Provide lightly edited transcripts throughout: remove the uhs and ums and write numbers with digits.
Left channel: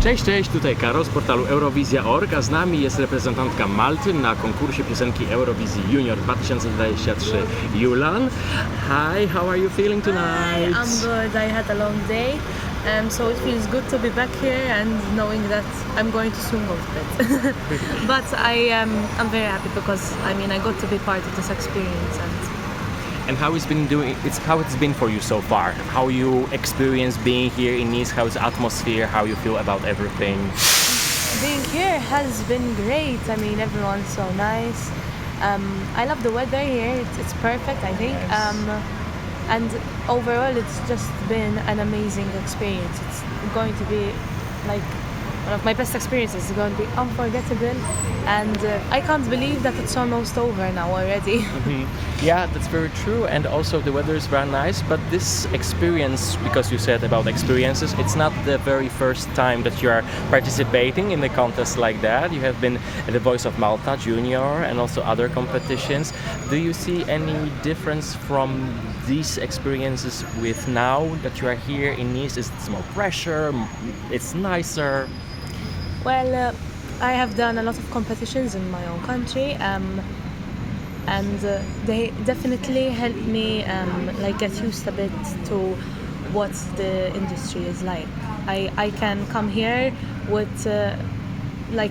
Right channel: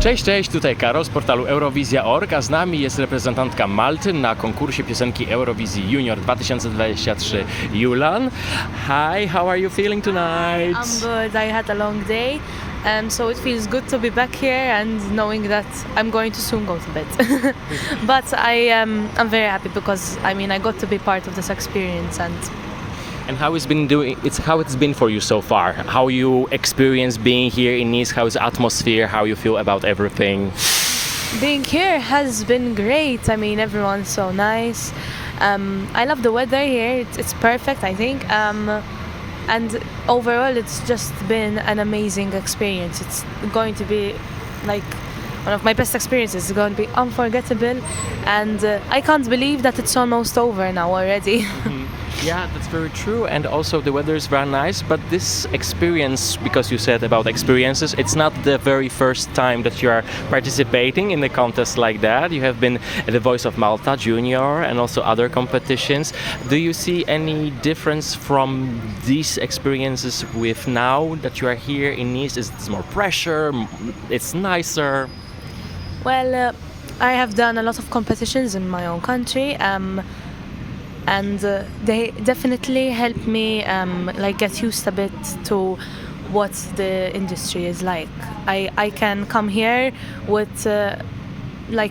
Cześć, tutaj Karol z portalu Eurowizja.org, a z nami jest reprezentantka Malty na konkursie piosenki Eurowizji Junior 2023 Yulan. Hi, how are you feeling tonight? I'm good. I had a long day, so it feels good to be back here and knowing that I'm going to soon go to bed. But I'm very happy because I got to be part of this experience And how it's been for you so far? How you experience being here in Nice? How's the atmosphere? How you feel about everything? being here has been great. Everyone's so nice. I love the weather here. It's perfect, I think. And overall, it's just been an amazing experience. It's going to be like one of my best experiences. It's going to be unforgettable, and I can't believe that it's almost over now already. Yeah, that's very true. And also the weather is very nice. But this experience, because you said about experiences, it's not the very first time that you are participating in a contest like that. You have been at the Voice of Malta Junior and also other competitions. Do you see any difference from these experiences with now that you are here in Nice? Is it more pressure? It's nicer? Well, I have done a lot of competitions in my own country, and they definitely helped me get used a bit to what the industry is like. I can come here with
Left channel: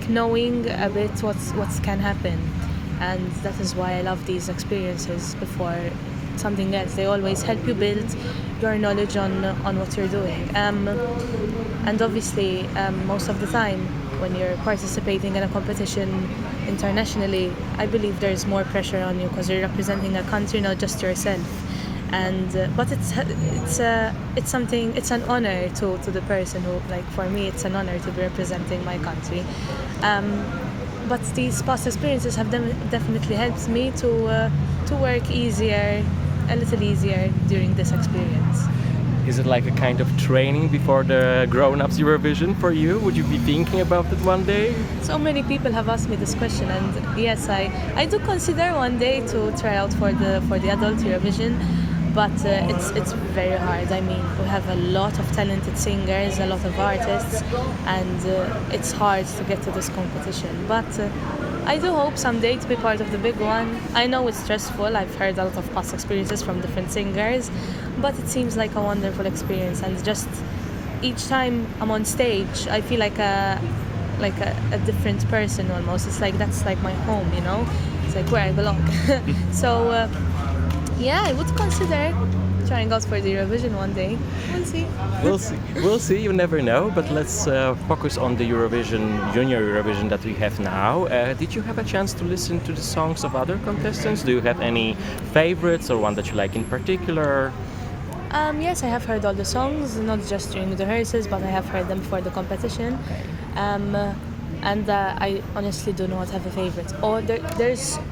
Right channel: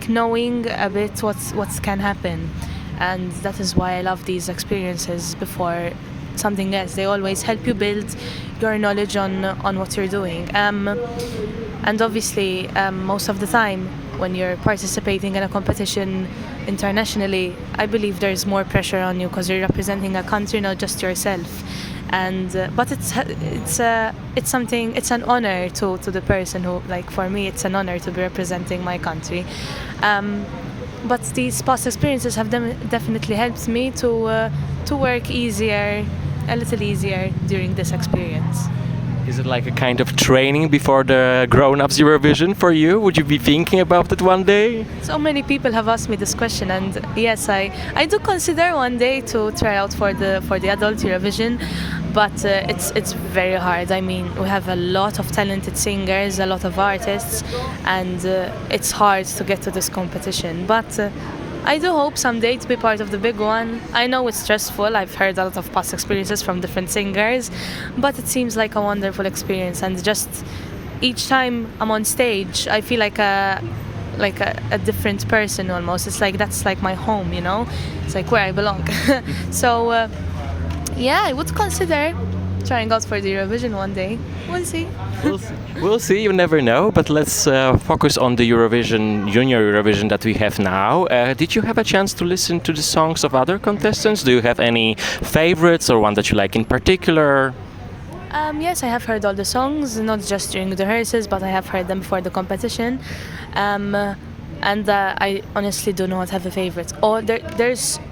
knowing a bit what can happen, and that is why I love these experiences before something else. They always help you build your knowledge on what you're doing, and obviously most of the time when you're participating in a competition internationally, I believe there's more pressure on you because you're representing a country, not just yourself. And but it's something. It's an honor to the person who, for me, it's an honor to be representing my country. But these past experiences have definitely helped me to work a little easier during this experience. Is it like a kind of training before the grown-ups Eurovision for you? Would you be thinking about it one day? So many people have asked me this question, and yes, I do consider one day to try out for the adult Eurovision, but it's very hard. We have a lot of talented singers, a lot of artists, and it's hard to get to this competition. But I do hope someday to be part of the big one. I know it's stressful. I've heard a lot of past experiences from different singers, but it seems like a wonderful experience. And just each time I'm on stage, I feel like a different person almost. It's like that's like my home, you know. It's like where I belong. So yeah, I would consider trying out for the Eurovision one day. We'll see. We'll see. You never know. But let's focus on the Eurovision, Junior Eurovision that we have now. Did you have a chance to listen to the songs of other contestants? Do you have any favorites or one that you like in particular? Yes, I have heard all the songs, not just during the rehearsals, but I have heard them before the competition. And I honestly do not have a favorite.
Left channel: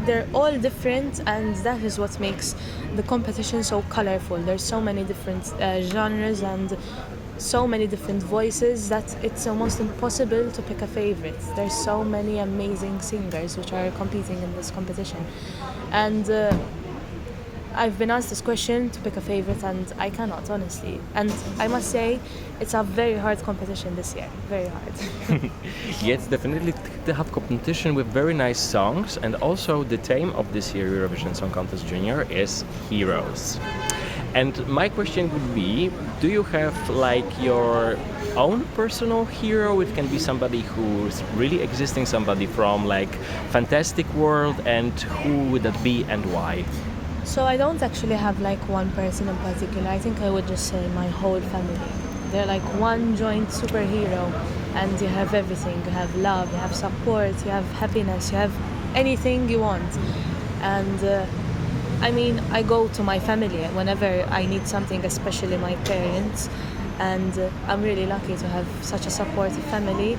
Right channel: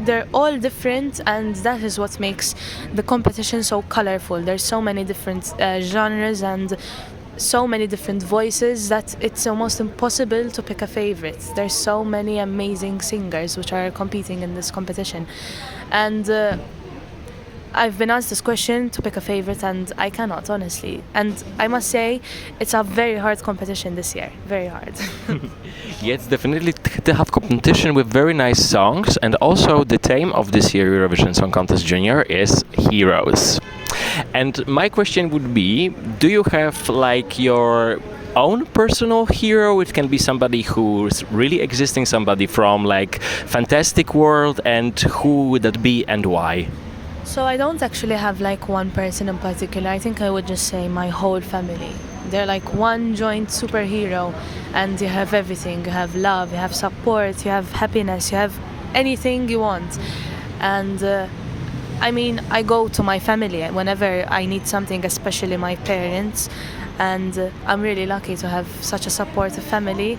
They're all different, and that is what makes the competition so colorful. There's so many different genres and so many different voices that it's almost impossible to pick a favorite. There's so many amazing singers which are competing in this competition, and I've been asked this question to pick a favorite, and I cannot, honestly. And I must say, it's a very hard competition this year. Very hard. Yeah, it's definitely to have competition with very nice songs. And also the theme of this year Eurovision Song Contest Junior is Heroes. And my question would be, do you have your own personal hero? It can be somebody who's really existing, somebody from fantastic world, and who would that be and why? So I don't actually have one person in particular. I think I would just say my whole family. They're like one joint superhero, and you have everything. You have love, you have support, you have happiness, you have anything you want. And I go to my family whenever I need something, especially my parents. And I'm really lucky to have such a supportive family.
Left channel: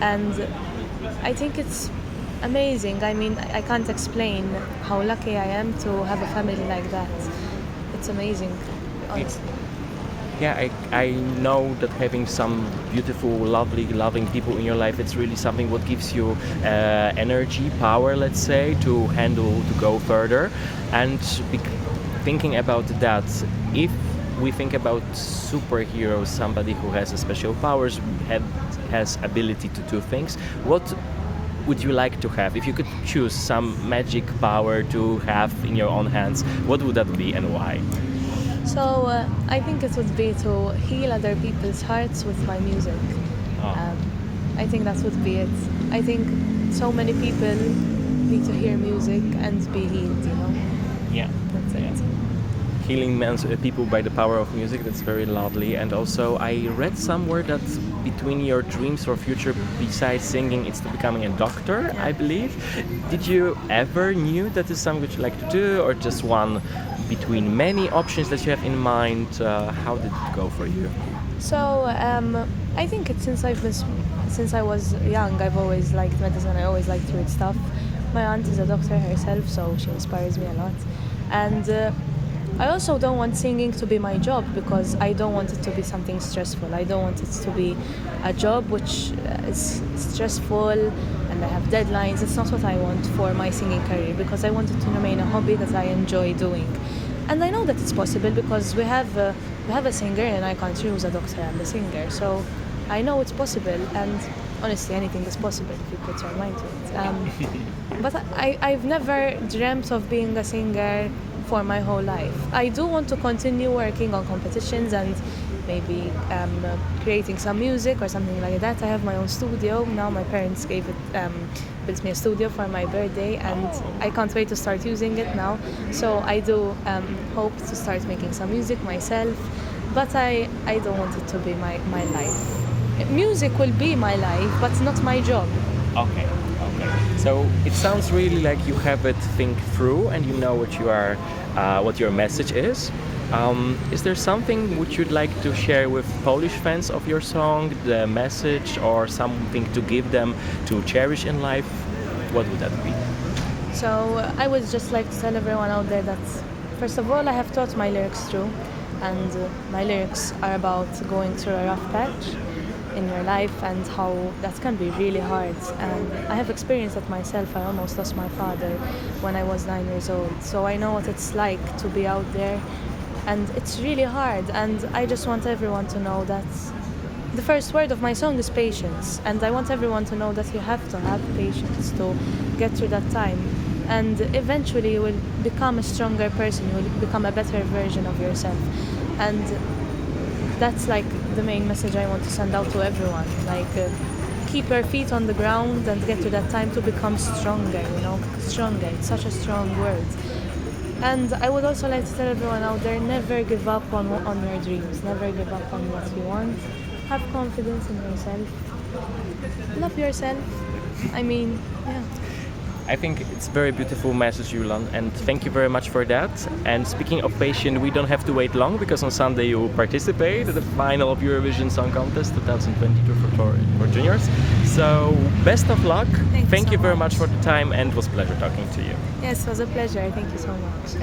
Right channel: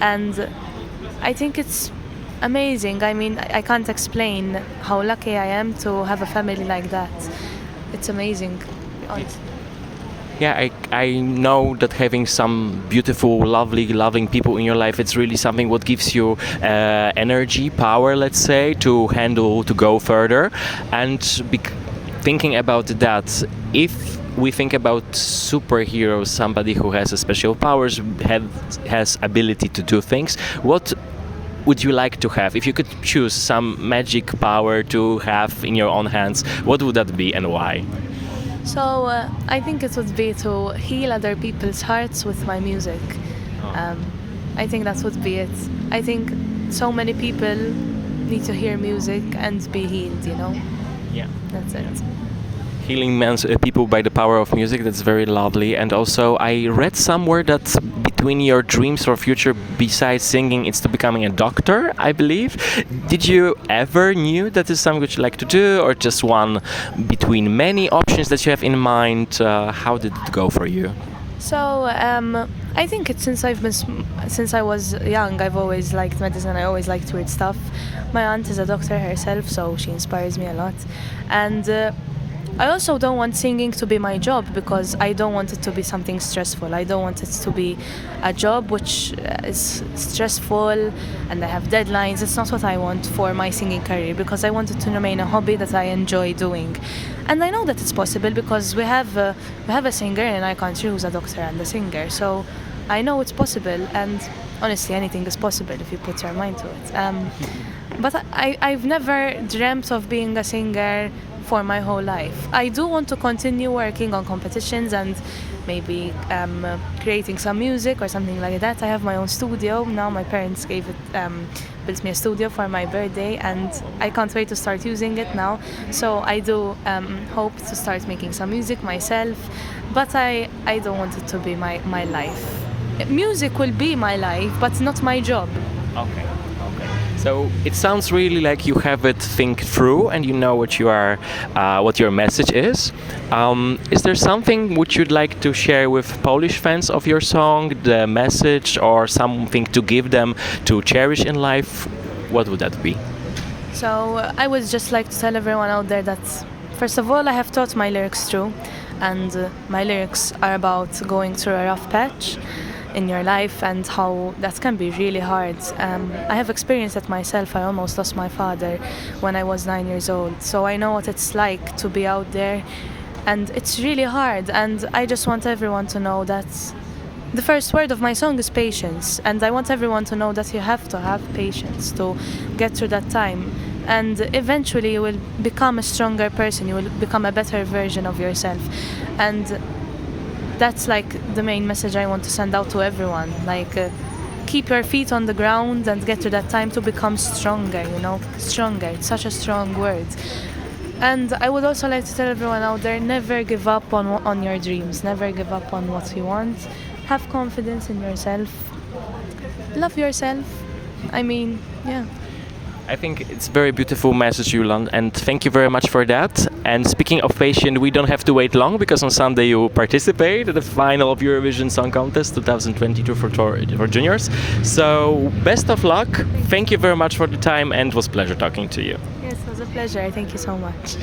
And I think it's amazing. I can't explain how lucky I am to have a family like that. It's amazing, honestly. Yeah, I know that having some beautiful, lovely, loving people in your life, it's really something what gives you energy, power, let's say, to go further. And thinking about that, if we think about superheroes, somebody who has a special powers, has ability to do things, what would you like to have? If you could choose some magic power to have in your own hands, what would that be and why? So I think it would be to heal other people's hearts with my music. Oh. I think that would be it. I think so many people need to hear music and be healed, you know? Yeah. That's it. Yeah. Healing people by the power of music, that's very lovely. And also I read somewhere that between your dreams for future, besides singing, it's to becoming a doctor, I believe. Did you ever knew that is something which you like to do, or just one between many options that you have in mind? How did it go for you? So I think it's since I was young, I've always liked medicine. I always liked weird stuff. My aunt is a doctor herself, so she inspires me a lot. And I also don't want singing to be my job, because I don't want it to be something stressful. I don't want it to be a job which is stressful and I have deadlines. It's not what I want for my singing career, because I want it to remain a hobby that I enjoy doing. And I know that it's possible because we have a singer in our country who's a doctor and a singer. So I know it's possible, and honestly, anything is possible if you put your mind to it. But I've never dreamt of being a singer for my whole life. I do want to continue working on competitions and maybe creating some music or something like that. I have my own studio now. My parents built me a studio for my birthday, and I can't wait to start using it now. So I do hope to start making some music myself, but I don't want it to be my life. Music will be my life, but not my job. Okay. So it sounds really like you have it think through and you know what what your message is. Is there something which you'd like to share with Polish fans of your song, the message, or something to give them to cherish in life? What would that be? So I would just like to tell everyone out there that, first of all, I have thought my lyrics through, and my lyrics are about going through a rough patch in your life and how that can be really hard. I have experienced it myself. I almost lost my father when I was 9 years old, so I know what it's like to be out there, and it's really hard. And I just want everyone to know that the first word of my song is patience, and I want everyone to know that you have to have patience to get through that time, and eventually you will become a stronger person, you will become a better version of yourself. And that's like the main message I want to send out to everyone. Like, keep your feet on the ground and get to that time to become stronger, you know? Stronger, it's such a strong word. And I would also like to tell everyone out there, never give up on your dreams, never give up on what you want. Have confidence in yourself, love yourself. I mean, yeah. I think it's a very beautiful message, Yulan, and thank you very much for that. And speaking of patient, we don't have to wait long, because on Sunday you will participate at the final of Eurovision Song Contest 2022 for juniors. So best of luck. Thank you very much for the time, and it was a pleasure talking to you. Yes, it was a pleasure. Thank you so much.